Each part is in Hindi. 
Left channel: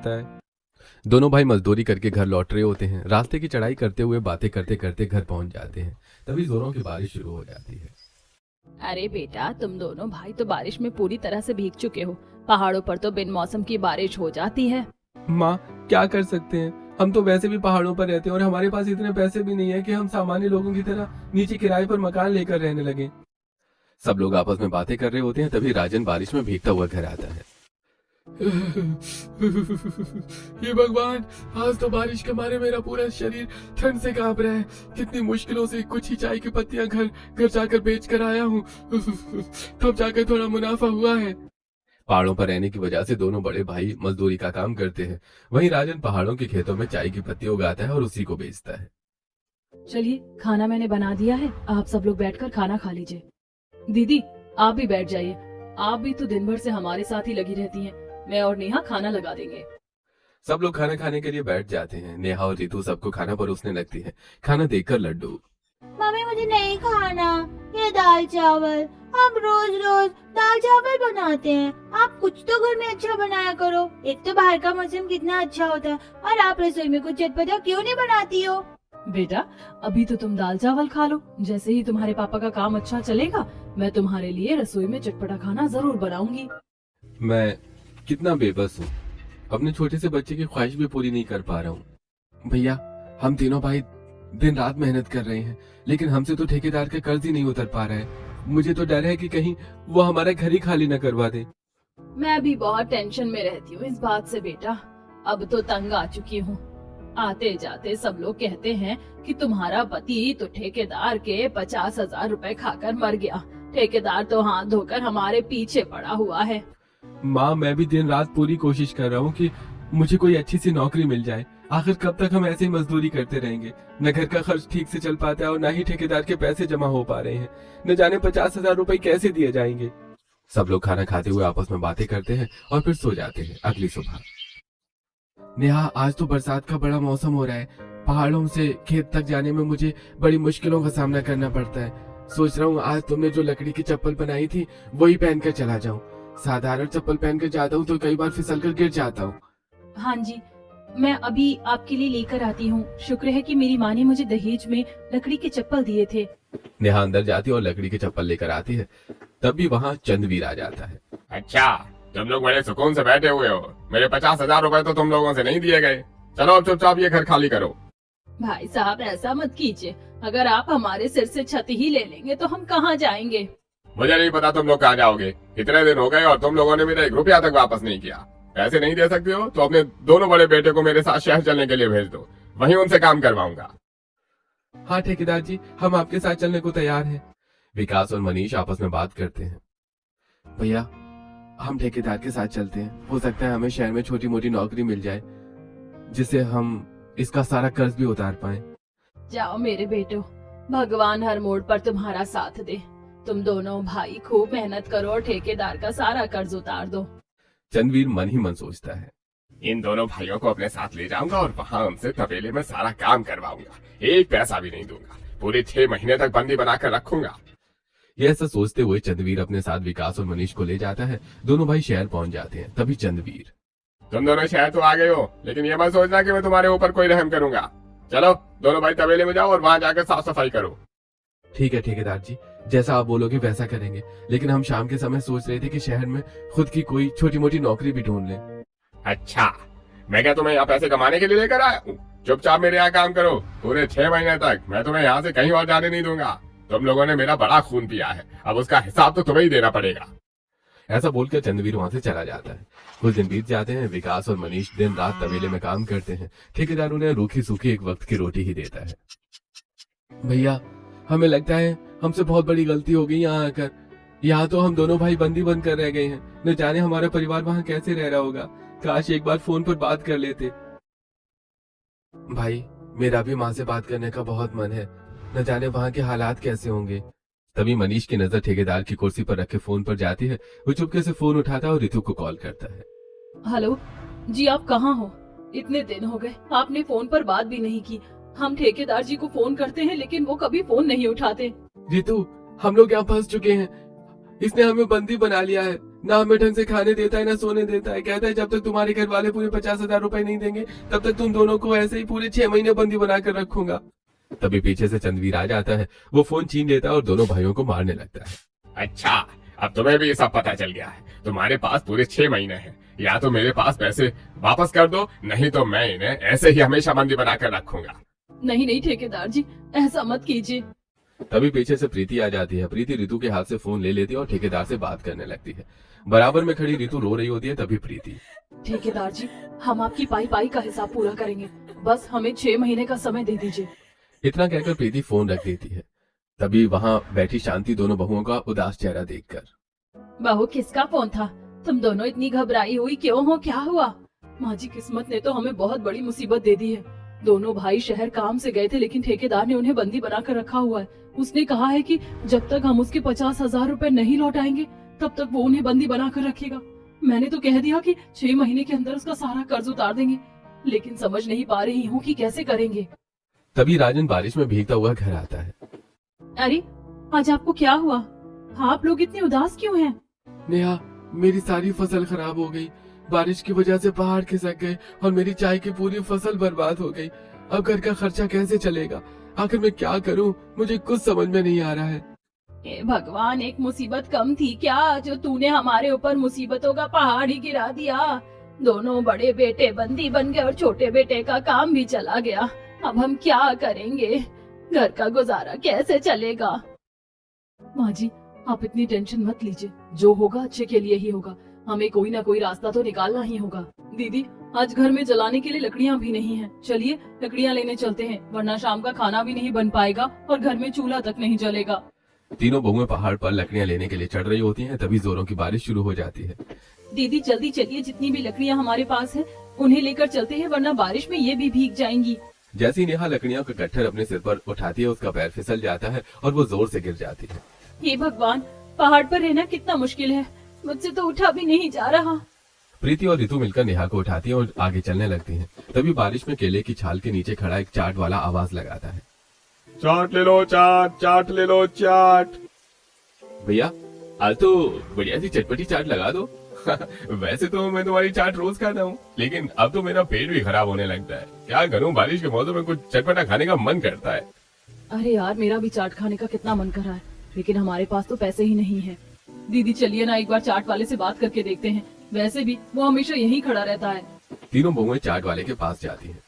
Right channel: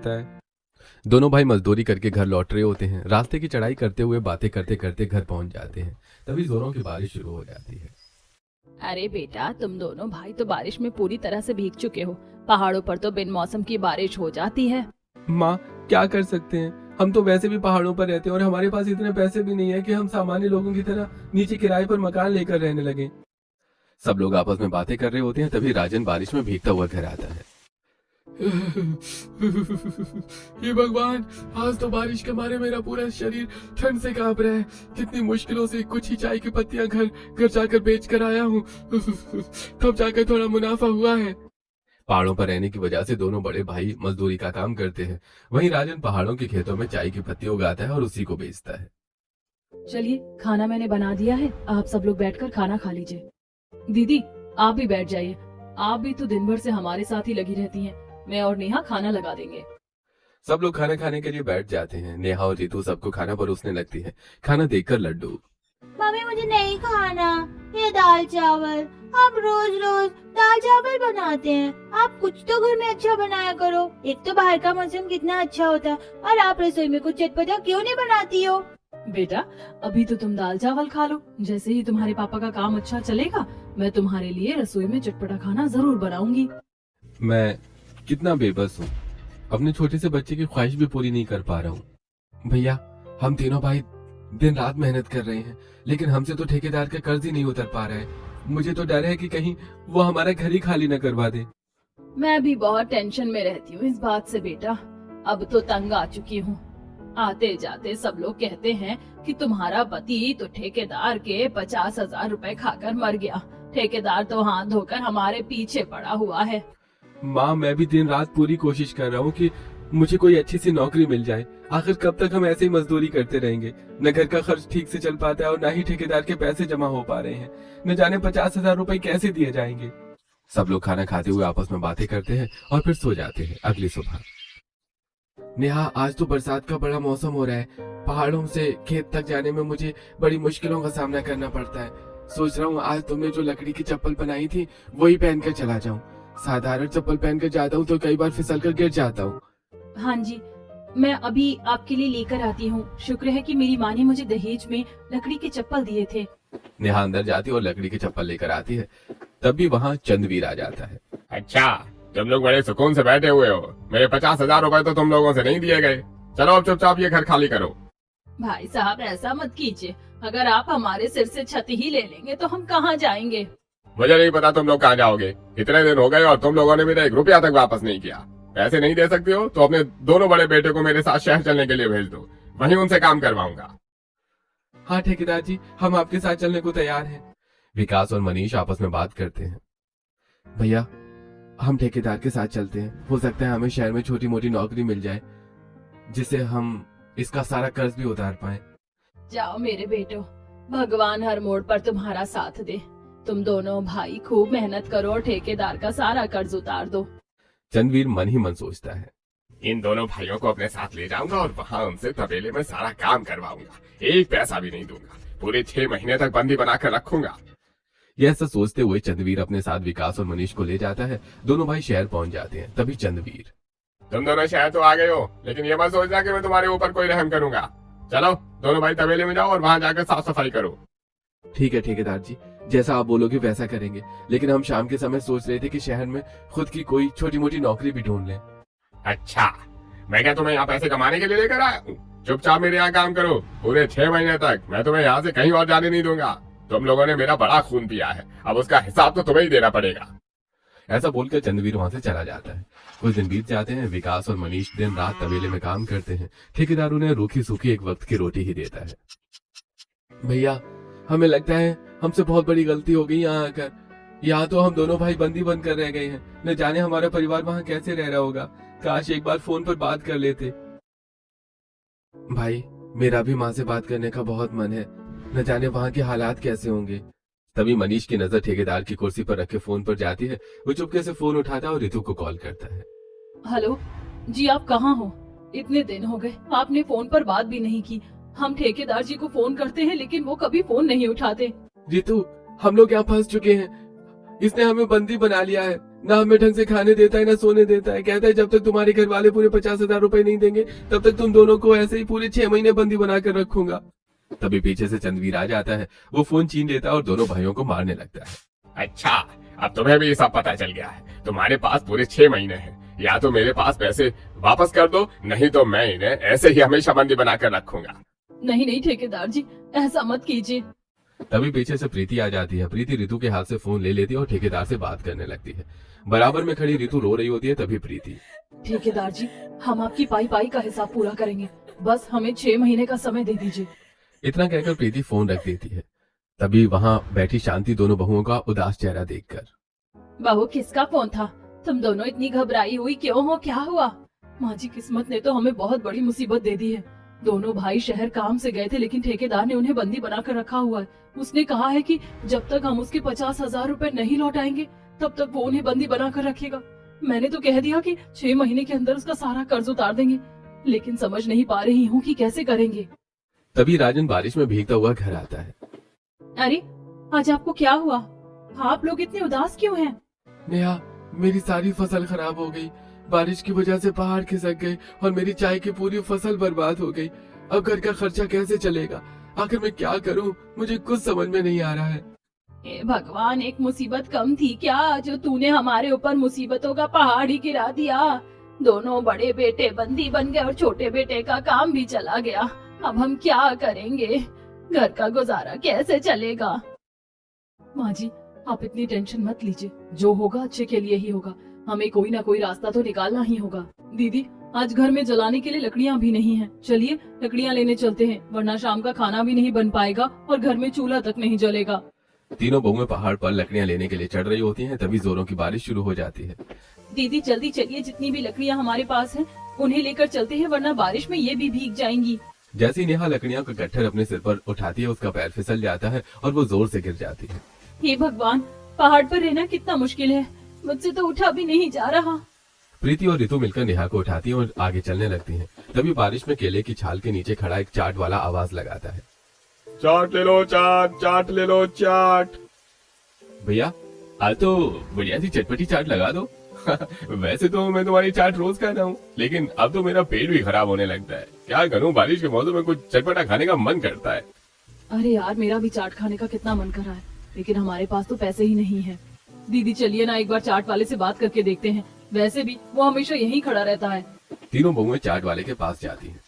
लगता है। दोनों भाई मजदूरी करके घर लौट रहे होते हैं। रास्ते की चढ़ाई करते हुए बातें करते करते घर पहुंच जाते हैं। तभी जोरों की बारिश शुरू हो जाती है। अरे बेटा, तुम दोनों भाई तो बारिश में पूरी तरह से भीग चुके हो। पहाड़ों पर तो बिन मौसम की बारिश हो जाती है। माँ, क्या कर सकते हैं, हम तो वैसे भी पहाड़ों पर रहते हैं और हमारे पास इतने पैसे भी नहीं है कि हम सामान्य लोगों की तरह नीचे किराए पर मकान लेकर रहने लगे। सब लोग आपस में बातें कर रहे होते हैं। तभी राजन बारिश में भीगता हुआ घर आता है। हे भगवान, आज तो बारिश के मारे मेरा पूरा शरीर ठंड से कांप रहा है। कितनी मुश्किलों से कुछ ही चाय की पत्तियां घर घर जाकर बेच कर आया हूँ। तब जाकर थोड़ा मुनाफा हुआ है। पहाड़ों पर रहने की वजह से दोनों बड़े भाई मजदूरी का काम करते हैं। वहीं राजन पहाड़ों के खेतों में चाय की पत्ती उगाता है और उसी को बेचता है। चलिए, खाना मैंने बना दिया है, आप सब लोग बैठकर खाना खा लीजिए। दीदी, आप भी बैठ जाइए, आप भी तो दिन भर से हमारे साथ ही लगी रहती हैं। मैं और नेहा खाना लगा देंगे। सब लोग खाना खाने के लिए बैठ जाते हैं। नेहा और रितु सबको खाना परोसने लगती है। खाना देखकर लड्डू, मम्मी मुझे नहीं खाना ये दाल चावल। आप रोज रोज दाल चावल बनाते हैं। आप कुछ तो घर में अच्छा बनाया करो। एक तो बाहर का मौसम कितना अच्छा होता है और आप रसोई में कुछ चटपटा क्यों नहीं बनाती हो? बेटा, अभी तो तुम दाल चावल खा लो। जैसे ही तुम्हारे पापा का काम अच्छा चलेगा, मैं तुम्हारे लिए रसोई में चटपटा खाना जरूर बनाऊंगी। मैं कितना बेबस हूँ, अपने छोटे से बच्चे की ख्वाहिश भी पूरी नहीं कर पा रहा हूँ। भैया, हम तीनों भाई दिन रात मेहनत कर रहे हैं, लेकिन हमसे तो ठेकेदार का कर्ज ही नहीं उतर पा रहा है। मुझे तो डर है कि कहीं वो हमारा घर ही खाली न करवा दे। मैं भी बहुत टेंशन में रहती हूँ इस बात से बेटा। अब तो तंग आ चुकी हूँ। आते जाते सब लोग कहते हैं कि तुम्हारा पति तो ठेकेदार के 50,000 रुपए खाकर मर गया। ठेकेदार तो हाथ धोकर हमारे पीछे पड़ा हुआ है। माँ, मैं भी दिन रात पूरी कोशिश कर रहा हूँ कि मुझे कोई अच्छी सी नौकरी मिल जाए। आखिर कब तक हम ऐसे ही मजदूरी करते रहेंगे? न घर का खर्च ठीक से चल पाता है और न ही ठेकेदार के पैसे जमा हो पा रहे हैं। न जाने 50,000 रुपए कैसे दिए जाएंगे। सब लोग खाना खाते हुए आपस में बातें करते हैं और फिर सो जाते हैं। अगली सुबह, नेहा, आज तो बरसात का बड़ा मौसम हो रहा है। पहाड़ों से खेत तक जाने में मुझे बड़ी मुश्किलों का सामना करना पड़ता है। सोच रहा हूँ आज तुमने जो लकड़ी की चप्पल बनाई थी वही पहनकर चला जाऊं। साधारण चप्पल पहनकर जाता हूँ तो कई बार फिसल कर गिर जाता हूँ। हाँ जी, मैं अभी आपके लिए लेकर आती हूँ। शुक्र है कि मेरी माँ ने मुझे दहेज में लकड़ी के चप्पल दिए थे। नेहा अंदर जाती है और लकड़ी की चप्पल लेकर आती है। तभी वहाँ चंद्रवीर आ जाता है। अच्छा, तुम लोग बड़े सुकून से बैठे हुए हो। मेरे 50,000 रुपए तो तुम लोगों से नहीं दिए गए। चलो अब चुपचाप ये घर खाली करो। भाई साहब, ऐसा मत कीजिए। अगर आप हमारे सिर से छत ही ले लेंगे तो हम कहाँ जाएंगे? मुझे नहीं पता तुम लोग कहाँ जाओगे। इतने दिन हो गए और तुम लोगों ने मेरा 1 रुपया तक वापस नहीं किया। पैसे नहीं दे सकते हो तो अपने दोनों बड़े बेटे को मेरे साथ शहर चलने के लिए भेज दो। वहीं उनसे काम करवाऊंगा। हाँ ठेकेदार जी, हम आपके साथ चलने को तैयार हैं। विकास और मनीष आपस में बात करते हैं। भैया, हम ठेकेदार के साथ चलते हैं। हो सकता है हमें शहर में छोटी मोटी नौकरी मिल जाए जिससे हम इसका सारा कर्ज भी उतार पाए। जाओ मेरे बेटो, भगवान हर मोड़ पर तुम्हारा साथ दे। तुम दोनों भाई खूब मेहनत करो और ठेकेदार का सारा कर्ज उतार दो। चंद्रवीर मन ही मन सोचता है। इन दोनों भाइयों को अपने साथ ले जाऊंगा और वहाँ उनसे तबेले में सारा काम करवाऊंगा। 1 पैसा भी नहीं दूंगा। पूरे 6 महीने तक बंदी बनाकर रखूंगा। यह ऐसा सोचते हुए चंद्रवीर अपने साथ विकास और मनीष को ले जाता है। दोनों भाई शहर पहुंच जाते हैं। तभी चंद्रवीर, तुम दोनों शहर तो आ गए हो, लेकिन ये मत सोचना कि मैं तुम्हारे ऊपर कोई रहम करूंगा। चलो दोनों भाई तबेले में जाओ और वहाँ जाकर साफ सफाई करो। ठीक है ठेकेदार जी, जैसा आप बोलोगे वैसा करेंगे। लेकिन हम शाम के समय सोच रहे थे कि शहर में खुद की कोई छोटी मोटी नौकरी भी ढूंढ लें। अच्छा, मैं क्या तुम्हें यहाँ पैसे कमाने के लिए लेकर आया हूँ? चुपचाप मेरे यहाँ काम करो। पूरे 6 महीने तक मैं तुम्हें यहाँ से कहीं और जाने नहीं दूंगा। तुम लोगों ने मेरा बड़ा खून पिया है, अब उसका हिसाब तो तुम्हें ही देना पड़ेगा। ऐसा बोलकर चंद्रवीर वहां से चला जाता है। कुछ दिन बीत जाते हैं। विकास और मनीष दिन रात तबेले में काम करते हैं। ठेकेदार उन्हें रूखी सूखी एक वक्त की रोटी ही देता है। भैया, हमें लगता है हमसे बहुत बड़ी गलती हो गई यहाँ आकर। यहाँ तो हम दोनों भाई बंदी बन कर रह गए हैं। न जाने हमारा परिवार वहाँ कैसे रह रहा होगा। काश एक बार फोन पर बात कर लेते। भाई, मेरा भी माँ से बात करने का बहुत मन है। न जाने वहाँ के हालात कैसे होंगे। तभी मनीष की नजर ठेकेदार की कुर्सी पर रखे फोन पर जाती है। वो चुपके से फोन उठाता है और रितु को कॉल करता है। हेलो जी, आप कहाँ हो? इतने दिन हो गए, आपने फोन पर बात भी नहीं की। हम ठेकेदार जी को फोन करते हैं लेकिन वो कभी फोन नहीं उठाते। रितु, हम लोग यहाँ फंस चुके हैं। इसने हमें बंदी बना लिया है, ना हमें ढंग से खाने देता है ना सोने देता है। कहता है जब तक तुम्हारे घर वाले पूरे 50,000 रुपए नहीं देंगे तब तक तुम दोनों को ऐसे ही पूरे 6 महीने बंदी बना कर रखूंगा। तभी पीछे से चंद्रवीर आ जाता है, वो फोन छीन लेता है और दोनों भाइयों को मारने लगता है। अच्छा, अब तुम्हें भी सब पता चल गया है। तुम्हारे पास पूरे 6 महीने हैं, या तो मेरे पास पैसे वापस कर दो, नहीं तो मैं इन्हें ऐसे ही हमेशा बंदी बनाकर रखूंगा। नहीं नहीं ठेकेदार जी, ऐसा मत कीजिए। तभी पीछे से प्रीति आ जाती है। प्रीति रितु के हाथ से फोन ले लेती है और ठेकेदार से बात करने लगती है। बराबर में खड़ी रितु रो रही होती है। तभी प्रीति, ठेकेदार जी, हम आपकी पाई पाई का हिसाब पूरा करेंगे, बस हमें 6 महीने का समय दे दीजिए। इतना कहकर प्रीति फोन रख देती है। तभी वहां बैठी शांति दोनों बहुओं का उदास चेहरा देखकर, बहू किसका फोन था? तुम दोनों इतनी घबराई हुई क्यों हो? क्या हुआ? माँ जी, किस्मत ने तो हमें बहुत बड़ी मुसीबत दे दी है। दोनों भाई शहर काम से गए थे, लेकिन ठेकेदार ने उन्हें बंदी बनाकर रखा हुआ है। उसने कहा है कि जब तक हम उसके 50,000 रुपए नहीं लौटाएंगे तब तक वो उन्हें बंदी बनाकर रखेगा। मैंने तो कह दिया कि 6 महीने के अंदर उसका सारा कर्ज उतार देंगे, लेकिन समझ नहीं पा रही हूँ कि कैसे करेंगे। तभी राजन बारिश में भीगता हुआ घर आता है। अरे, आज आपको क्या हुआ? आप लोग इतने उदास क्यों हैं? नेहा, मेरी सारी फसल खराब हो गई। बारिश की वजह से पहाड़ खिसक गए और मेरी चाय की पूरी फसल बर्बाद हो गई। अब घर का खर्चा कैसे चलेगा? आखिर मैं क्या करूं? मुझे कुछ समझ में नहीं आ रहा है। हे भगवान, एक मुसीबत कम थी क्या जो तूने हमारे ऊपर मुसीबतों का पहाड़ ही गिरा दिया? दोनों बड़े बेटे बंदी बन गए और छोटे बेटे का काम भी चला गया। अब हम क्या करेंगे? घर का गुजारा कैसे चलेगा? माँ जी, आप इतनी टेंशन मत लीजिए, जो होगा अच्छे के लिए ही होगा। हमें कोई ना कोई रास्ता तो निकालना ही होगा। दीदी, आज घर में जलाने के लिए लकड़ियाँ भी नहीं है, चलिए लकड़ियाँ लेने चलते हैं, वरना शाम का खाना भी नहीं बन पाएगा और घर में चूल्हा तक नहीं जलेगा। तीनों बहुएं पहाड़ पर लकड़ियां लेने के लिए चढ़ रही होती हैं। तभी जोरों की बारिश शुरू हो जाती है। दीदी जल्दी चलिए, जितनी भी लकड़ियाँ हमारे पास है उन्हें लेकर चलते हैं, वरना बारिश में ये भी भीग जाएंगी। जैसी नेहा लकड़ियों का गट्ठर अपने सिर पर उठाती है, उसका पैर फिसल जाता है और वो जोर से गिर जाती है। हे भगवान, पहाड़ पर रहना कितना मुश्किल है, मुझसे तो उठा भी नहीं जा रहा। प्रीति और रितु मिलकर नेहा को उठाती है और आगे चलने लगती हैं। तभी बारिश में केले की छाल के नीचे खड़ा एक चाट वाला आवाज लगाता है, चाट ले लो, चाट, चाट ले लो, चाट। भैया आज तो बढ़िया सी चटपटी चाट लगा दो। वैसे तो मैं तुम्हारी चाट रोज खाता हूँ, लेकिन अब तो मेरा पेट भी खराब होने लगता है। क्या करूँ, बारिश के मौसम में कुछ चटपटा खाने का मन करता है। अरे यार, मेरा भी चाट खाने का कितना मन कर रहा है, लेकिन हमारे पास तो पैसे ही नहीं है। दीदी चलिए ना, एक बार चाट वाले से बात करके देखते हैं, वैसे भी वो हमेशा यहीं खड़ा रहता है। तीनों बहुएं चाट वाले के पास जाती हैं।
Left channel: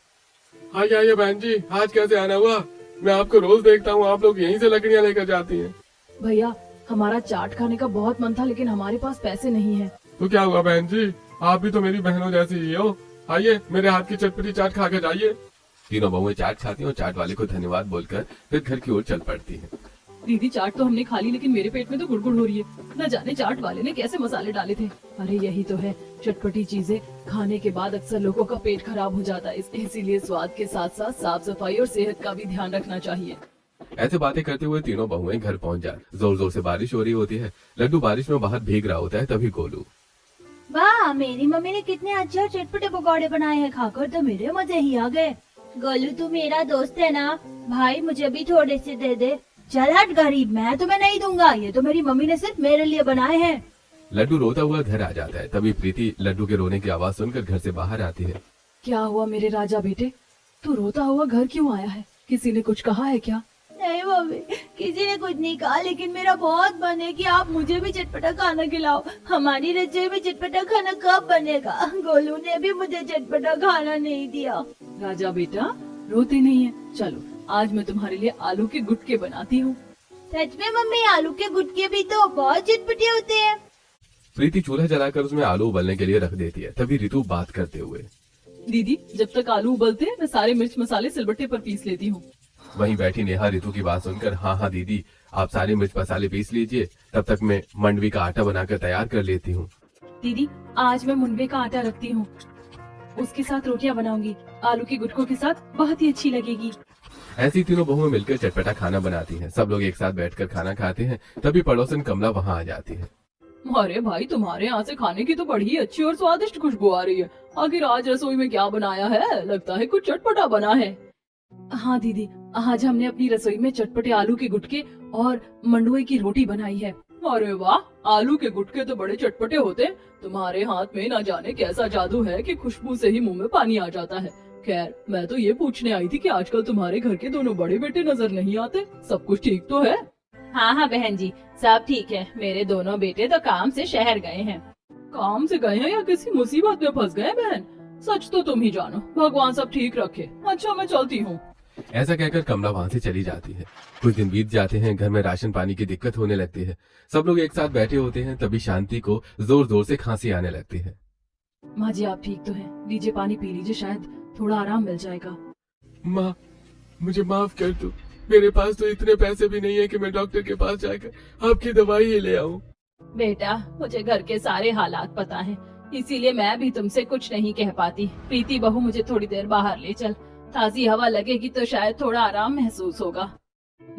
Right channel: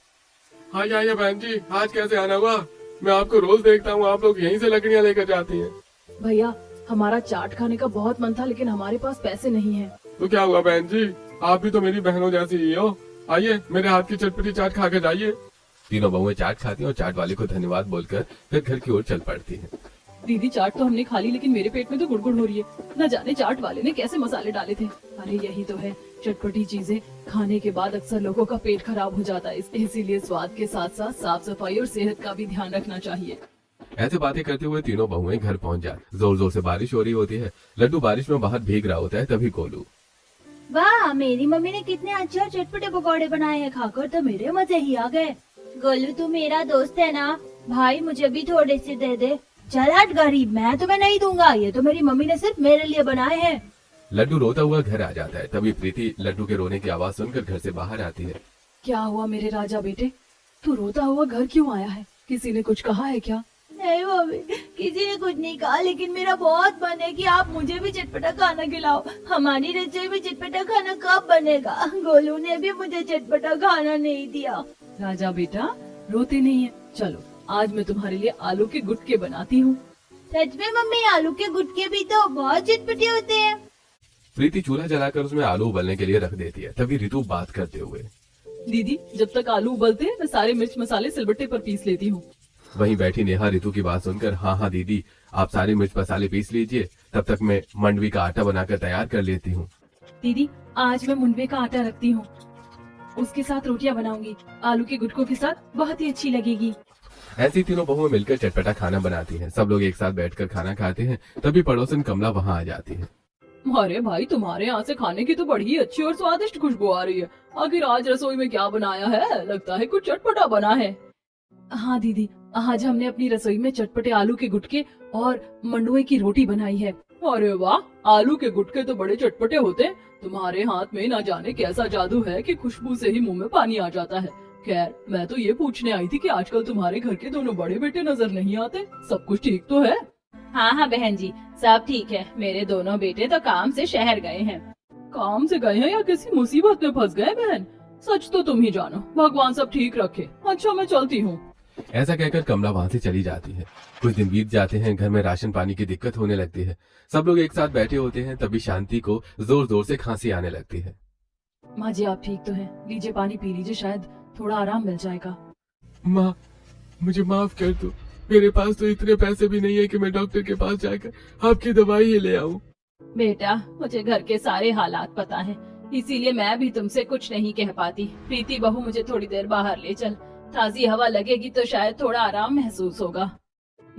हाँ आइए बहन जी, आज कैसे आना हुआ? मैं आपको रोज देखता हूँ, आप लोग यहीं से लकड़ियाँ लेकर जाती हैं। भैया, हमारा चाट खाने का बहुत मन था, लेकिन हमारे पास पैसे नहीं है। तो क्या हुआ बहन जी, आप भी तो मेरी बहनों जैसी ही हो। आइए मेरे हाथ की चटपटी चाट खा कर जाइए। तीनों बहुएं चाट खाती हैं और चाट वाले को धन्यवाद बोलकर फिर घर की ओर चल पड़ती हैं। दीदी चाट तो हमने खा ली, लेकिन मेरे पेट में तो गुड़गुड़ हो रही है। न जाने चाट वाले ने कैसे मसाले डाले थे। अरे यही तो है, चटपटी चीजें खाने के बाद अक्सर लोगों का पेट खराब हो जाता है, इसीलिए स्वाद के साथ साथ साफ सफाई और सेहत का भी ध्यान रखना चाहिए। ऐसे बातें करते हुए तीनों बहुएं घर पहुंच जाती। जोर जोर से बारिश हो रही होती है। लड्डू बारिश में बाहर भीग रहा होता है। तभी गोलू, वाह, मेरी मम्मी ने कितने अच्छे और चटपटे पकौड़े बनाए हैं, खाकर तो मेरे मजे ही आ गए। गोलू तू मेरा दोस्त है ना भाई, मुझे भी थोड़े से दे दे। चल हट गरीब, मैं तुम्हें नहीं दूंगा, ये तो मेरी मम्मी ने सिर्फ मेरे लिए बनाए हैं। लड्डू रोता हुआ घर आ जाता है। तभी प्रीति लड्डू के रोने की आवाज सुनकर घर से बाहर आती है। क्या हुआ मेरे राजा बेटे, तू रोता हुआ घर क्यों आया है? किसी ने कुछ कहा है क्या? नहीं मम्मी, किसी ने कुछ नहीं कहा, लेकिन मेरा बहुत मन है कि आप मुझे भी चटपटा खाना खिलाओ। हमारी रसोई में चटपटा खाना कब बनेगा? गोलू ने भी मुझे चटपटा खाना नहीं दिया। राजा बेटा रोते नहीं है, चलो आज मैं तुम्हारे लिए आलू के गुटके बनाती हूँ। सच में मम्मी, आलू के गुटके भी तो बहुत चटपटे होते हैं। प्रीति चूल्हा जलाकर उसमें आलू उबलने के लिए रख देती है। तभी रितु बात करते हुए, दीदी जब तक आलू उबलते हैं मैं सारे मिर्च मसाले सिलबट्टे पर पीस लेती हूँ। वहीं बैठी नेहा रितु की बात सुनकर, हाँ हाँ दीदी, आप सारे मिर्च मसाले पीस लीजिए, तब तक मैं मंडवी का आटा बनाकर तैयार कर लेती हूँ। दीदी आज मैं मुनवे का आटा रखती हूँ, उसके साथ रोटियाँ बनाऊंगी, आलू के गुटकों के साथ बहुत ही अच्छी लगेगी। ऐसी तीनों बहुएं मिलकर चटपटा खाना बनाती हैं। सब लोग एक साथ बैठकर खाना खाते हैं। तभी पड़ोसन कमला वहाँ आ जाती है। अरे भाई, तुम्हारे यहाँ से खाने की तो बड़ी अच्छी और स्वादिष्ट खुशबू आ रही है। आखिर आज रसोई में क्या बनाया है? लगता है कुछ चटपटा बना है। हाँ दीदी, आज हमने अपनी रसोई में चटपटे आलू के गुटके और मंडुए की रोटी बनाई है। अरे वाह, आलू के गुटके तो बड़े चटपटे होते हैं। तुम्हारे हाथ में ना जाने कैसा जादू है कि खुशबू से ही मुंह में पानी आ जाता है। खैर, मैं तो ये पूछने आई थी कि आजकल तुम्हारे घर के दोनों बड़े बेटे नजर नहीं आते। सब कुछ ठीक तो है? हाँ हाँ बहन जी, सब ठीक है। मेरे दोनों बेटे तो काम से शहर गए हैं। काम से गए हैं या किसी मुसीबत में फंस गए बहन? सच तो तुम ही जानो, भगवान सब ठीक रखे। अच्छा, मैं चलती हूँ। ऐसा कहकर कमला वहाँ से चली जाती है। कुछ दिन बीत जाते हैं, घर में राशन पानी की दिक्कत होने लगती है। सब लोग एक साथ बैठे होते हैं, तभी शांति को जोर जोर से खांसी आने लगती है। माँ जी, आप ठीक तो हैं? लीजिए पानी पी लीजिए, शायद थोड़ा आराम मिल जाएगा। माँ, मुझे माफ कर दो। मेरे पास तो इतने पैसे भी नहीं है कि मैं डॉक्टर के पास जाकर आपकी दवाई ही ले आऊं। बेटा, मुझे घर के सारे हालात पता हैं, इसीलिए मैं भी तुमसे कुछ नहीं कह पाती। प्रीति बहू, मुझे थोड़ी देर बाहर ले चल, ताजी हवा लगेगी तो शायद थोड़ा आराम महसूस होगा।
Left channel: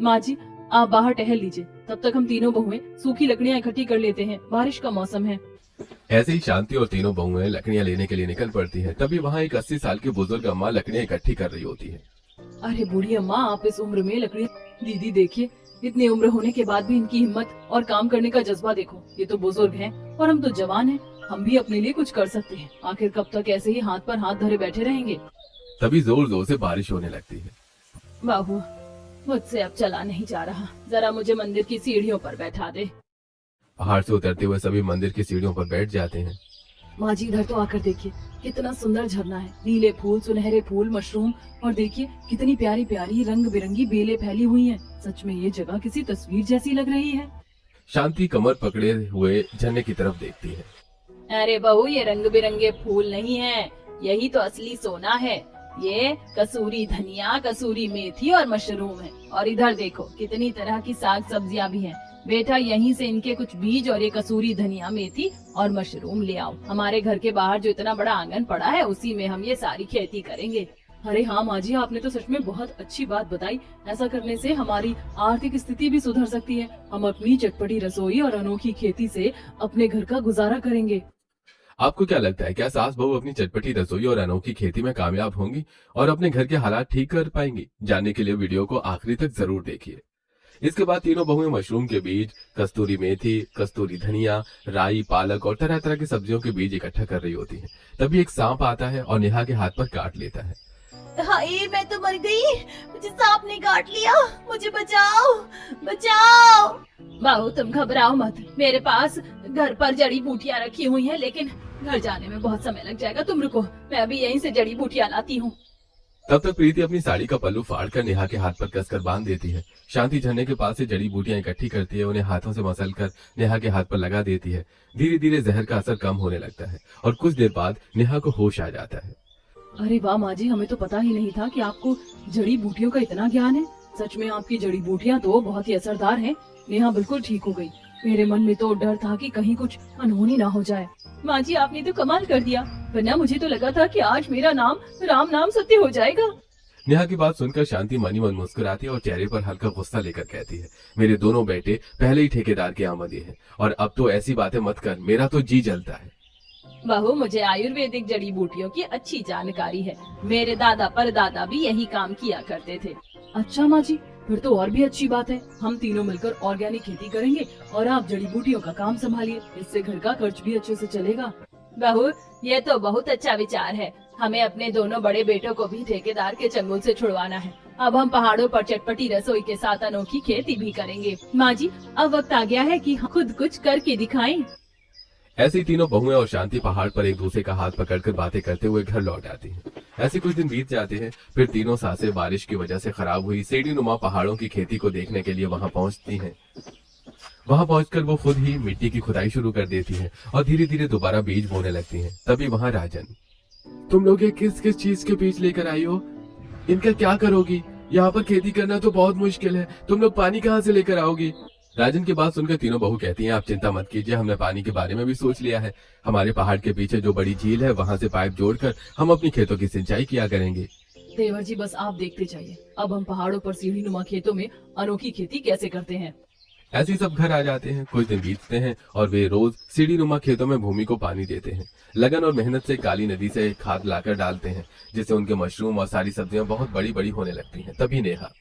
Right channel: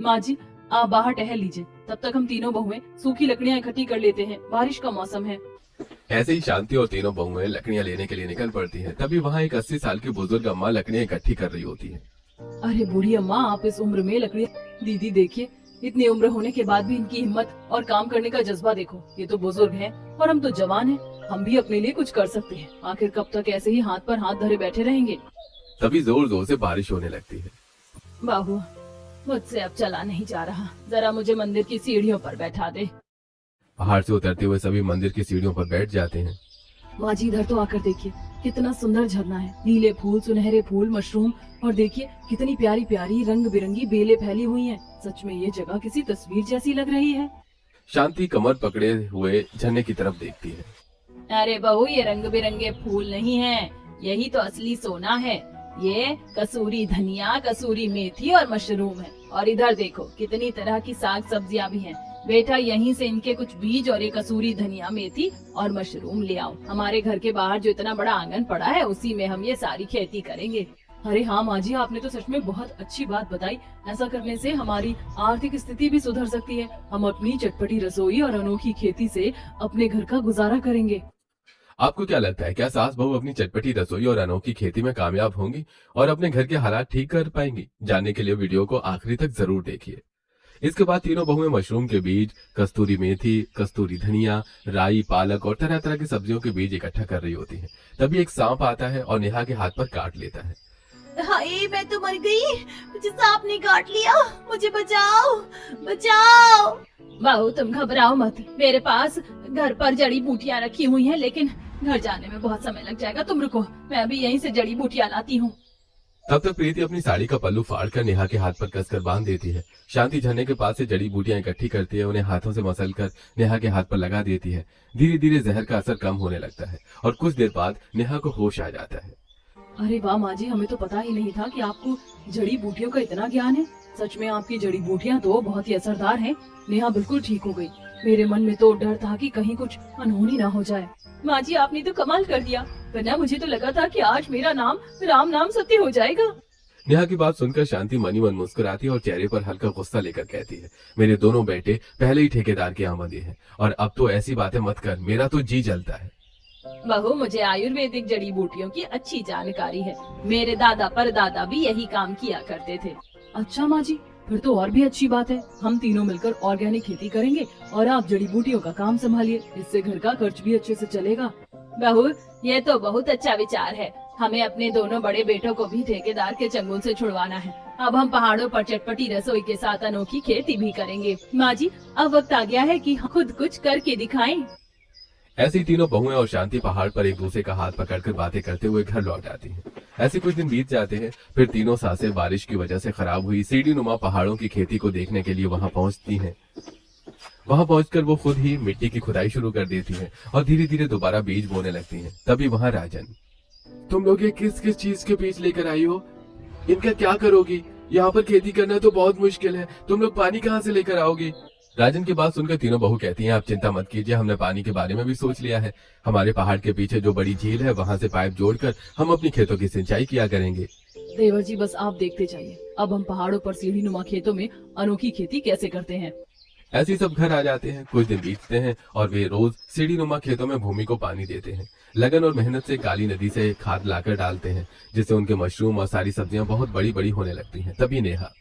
माँ जी, आप बाहर टहल लीजिए, तब तक हम तीनों बहुएं सूखी लकड़ियाँ इकट्ठी कर लेते हैं। बारिश का मौसम है। ऐसे ही शांति और तीनों बहुएं लकड़ियां लेने के लिए निकल पड़ती हैं। तभी वहाँ एक 80 साल की बुजुर्ग अम्मा लकड़ियां इकट्ठी कर रही होती है। अरे बूढ़ी अम्मा, आप इस उम्र में लकड़ी? दीदी देखिए, इतनी उम्र होने के बाद भी इनकी हिम्मत और काम करने का जज्बा देखो। ये तो बुजुर्ग हैं और हम तो जवान हैं। हम भी अपने लिए कुछ कर सकते हैं। आखिर कब तक ऐसे ही हाथ पर हाथ धरे बैठे रहेंगे? तभी जोर जोर से बारिश होने लगती है। बाबू, मुझसे अब चला नहीं जा रहा, जरा मुझे मंदिर की सीढ़ियों पर बैठा दे। पहाड़ से उतरते हुए सभी मंदिर की सीढ़ियों पर बैठ जाते हैं। माँ जी, इधर तो आकर देखिए, कितना सुंदर झरना है। नीले फूल, सुनहरे फूल, मशरूम, और देखिए कितनी प्यारी प्यारी रंग बिरंगी बेलें फैली हुई हैं। सच में ये जगह किसी तस्वीर जैसी लग रही है। शांति कमर पकड़े हुए झरने की तरफ देखती है। अरे बहू, ये रंग बिरंगे फूल नहीं है, यही तो असली सोना है। ये कसूरी धनिया, कसूरी मेथी और मशरूम है। और इधर देखो, कितनी तरह की साग सब्जियां भी हैं। बेटा, यहीं से इनके कुछ बीज और ये कसूरी धनिया, मेथी और मशरूम ले आओ। हमारे घर के बाहर जो इतना बड़ा आंगन पड़ा है, उसी में हम ये सारी खेती करेंगे। अरे हाँ माँ जी, आपने तो सच में बहुत अच्छी बात बताई। ऐसा करने से हमारी आर्थिक स्थिति भी सुधर सकती है। हम अपनी चटपटी रसोई और अनोखी खेती से अपने घर का गुजारा करेंगे। आपको क्या लगता है, क्या सास बहू अपनी चटपटी रसोई और अनोखी खेती में कामयाब होंगी और अपने घर के हालात ठीक कर पाएंगी? जानने के लिए वीडियो को आखिरी तक जरूर देखिए। इसके बाद तीनों बहुएं मशरूम के बीज, कस्तूरी मेथी, कस्तूरी धनिया, राई, पालक और तरह तरह की सब्जियों के बीज इकट्ठा कर रही होती हैं। तभी एक सांप आता है और नेहा के हाथ पर काट लेता है। हाय, मैं तो मर गई। मुझे सांप ने काट लिया। मुझे बचाओ, बचाओ। बहू, तुम घबराओ मत। मेरे पास घर पर जड़ी बूटियाँ रखी हुई हैं, लेकिन घर जाने में बहुत समय लग जाएगा। तुम रुको, मैं अभी यहीं से जड़ी बूटियाँ लाती हूँ। तब तक प्रीति अपनी साड़ी का पल्लू फाड़कर नेहा के हाथ पर कसकर बांध देती है। शांति झरने के पास से जड़ी बूटियां इकट्ठी करती है, उन्हें हाथों से मसलकर नेहा के हाथ पर लगा देती है। धीरे धीरे जहर का असर कम होने लगता है और कुछ देर बाद नेहा को होश आ जाता है। अरे वाह माँ जी, हमें तो पता ही नहीं था कि आपको जड़ी बूटियों का इतना ज्ञान है। सच में आपकी जड़ी बूटियाँ तो बहुत ही असरदार हैं। नेहा बिल्कुल ठीक हो गई। मेरे मन में तो डर था कि कहीं कुछ अनहोनी ना हो जाए। माँ जी, आपने तो कमाल कर दिया, वरना मुझे तो लगा था कि आज मेरा नाम राम नाम सत्य हो जाएगा। नेहा की बात सुनकर शांति मनी मन मुस्कुराती है और चेहरे पर हल्का गुस्सा लेकर कहती है, मेरे दोनों बेटे पहले ही ठेकेदार के आमदे हैं और अब तो ऐसी बातें मत कर, मेरा तो जी जलता है। बहू, मुझे आयुर्वेदिक जड़ी बूटियों की अच्छी जानकारी है। मेरे दादा परदादा भी यही काम किया करते थे। अच्छा माँ जी, फिर तो और भी अच्छी बात है। हम तीनों मिलकर ऑर्गेनिक खेती करेंगे और आप जड़ी बूटियों का काम संभालिए। इससे घर का खर्च भी अच्छे से चलेगा। बहू, ये तो बहुत अच्छा विचार है। हमें अपने दोनों बड़े बेटों को भी ठेकेदार के चंगुल से छुड़वाना है। अब हम पहाड़ों पर चटपटी रसोई के साथ अनोखी खेती भी करेंगे। माँ जी, अब वक्त आ गया है कि हम खुद कुछ करके दिखाएं। ऐसे ही तीनों बहुएं और शांति पहाड़ पर एक दूसरे का हाथ पकड़कर बातें करते हुए घर लौट आती हैं। ऐसे कुछ दिन बीत जाते हैं, फिर तीनों सासें बारिश की वजह से खराब हुई सीढ़ी नुमा पहाड़ों की खेती को देखने के लिए वहां पहुंचती हैं। वहां पहुंचकर वो खुद ही मिट्टी की खुदाई शुरू कर देती हैं और धीरे धीरे दोबारा बीज बोने लगती हैं। तभी वहां राजन, तुम लोग ये किस किस चीज के बीज लेकर आई हो? इनका क्या करोगी? यहाँ पर खेती करना तो बहुत मुश्किल है, तुम लोग पानी कहाँ से लेकर आओगी? राजन की बात सुनकर तीनों बहू कहती हैं, आप चिंता मत कीजिए, हमने पानी के बारे में भी सोच लिया है। हमारे पहाड़ के पीछे जो बड़ी झील है, वहां से पाइप जोड़कर हम अपनी खेतों की सिंचाई किया करेंगे। देवर जी, बस आप देखते जाइए, अब हम पहाड़ों पर सीढ़ी नुमा खेतों में अनोखी खेती कैसे करते हैं। ऐसे ही सब घर आ जाते हैं। कुछ दिन बीतते हैं और वे रोज सीढ़ी नुमा खेतों में भूमि को पानी देते हैं। लगन और मेहनत से काली नदी से खाद लाकर डालते हैं, जिससे उनके मशरूम और सारी सब्जियां बहुत बड़ी बड़ी होने लगती हैं। तभी नेहा,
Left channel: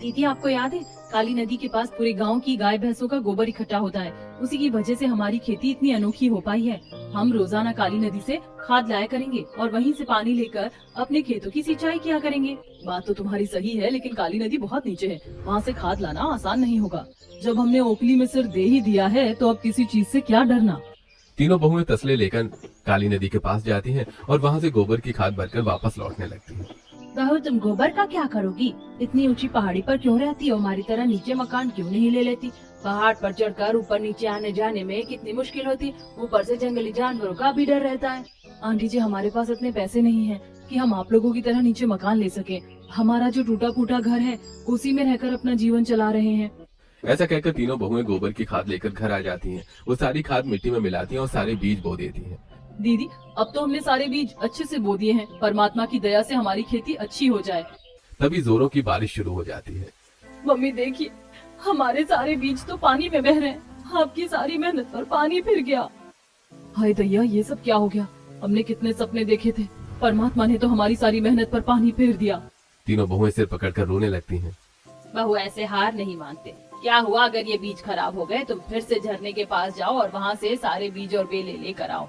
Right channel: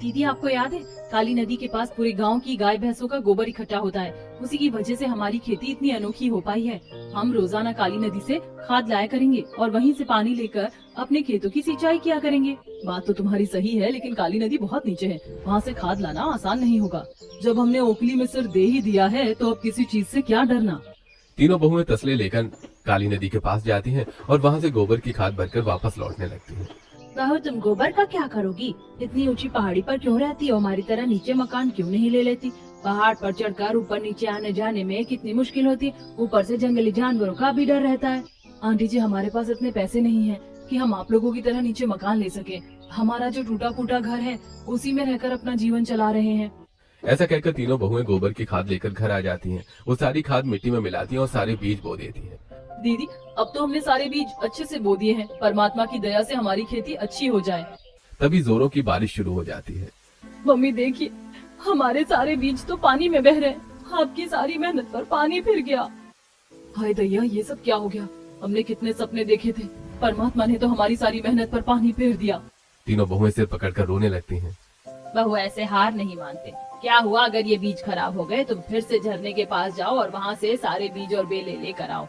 दीदी आपको याद है काली नदी के पास पूरे गांव की गाय भैंसों का गोबर इकट्ठा होता है। उसी की वजह से हमारी खेती इतनी अनोखी हो पाई है। हम रोजाना काली नदी से खाद लाया करेंगे और वहीं से पानी लेकर अपने खेतों की सिंचाई किया करेंगे। बात तो तुम्हारी सही है, लेकिन काली नदी बहुत नीचे है, वहाँ से खाद लाना आसान नहीं होगा। जब हमने ओखली में सिर दे ही दिया है तो अब किसी चीज से क्या डरना। तीनों बहुएं तसले लेकर काली नदी के पास जाती हैं और वहाँ से गोबर की खाद भरकर वापस लौटने लगती हैं। बहू तुम गोबर का क्या करोगी? इतनी ऊंची पहाड़ी पर क्यों रहती हो? हमारी तरह नीचे मकान क्यों नहीं ले लेती? पहाड़ पर चढ़कर ऊपर नीचे आने जाने में कितनी मुश्किल होती। ऊपर से जंगली जानवरों का भी डर रहता है। आंटी जी हमारे पास इतने पैसे नहीं है कि हम आप लोगों की तरह नीचे मकान ले सके। हमारा जो टूटा फूटा घर है उसी में रहकर अपना जीवन चला रहे हैं। ऐसा कहकर तीनों बहुएं गोबर की खाद लेकर घर आ जाती हैं। वो सारी खाद मिट्टी में मिलाती हैं और सारे बीज बो देती हैं। दीदी अब तो हमने सारे बीज अच्छे से बो दिए हैं। परमात्मा की दया से हमारी खेती अच्छी हो जाए। तभी जोरों की बारिश शुरू हो जाती है। मम्मी देखिए हमारे सारे बीज तो पानी में बह रहे हैं। आपकी सारी मेहनत पर पानी फिर गया। हाय दैया ये सब क्या हो गया? हमने कितने सपने देखे थे, परमात्मा ने तो हमारी सारी मेहनत पर पानी फिर दिया। तीनों बहुएं सिर पकड़कर रोने लगती हैं। बहू ऐसे हार नहीं मानते। क्या हुआ अगर ये बीज खराब हो गए? तुम फिर से झरने के पास जाओ और वहाँ से सारे बीज और बेले लेकर आओ।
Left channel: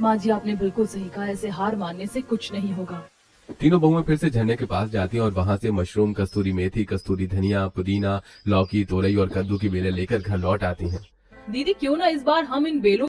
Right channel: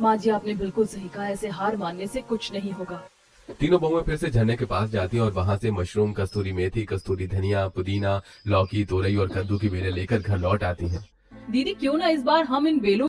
माँ जी आपने बिल्कुल सही कहा, ऐसे हार मानने से कुछ नहीं होगा। तीनों बहुएं फिर से झरने के पास जाती हैं और वहाँ से मशरूम, कस्तूरी मेथी, कस्तूरी धनिया, पुदीना, लौकी, तोरई और कद्दू की बेलें लेकर घर लौट आती हैं। दीदी क्यों ना इस बार हम इन बेलों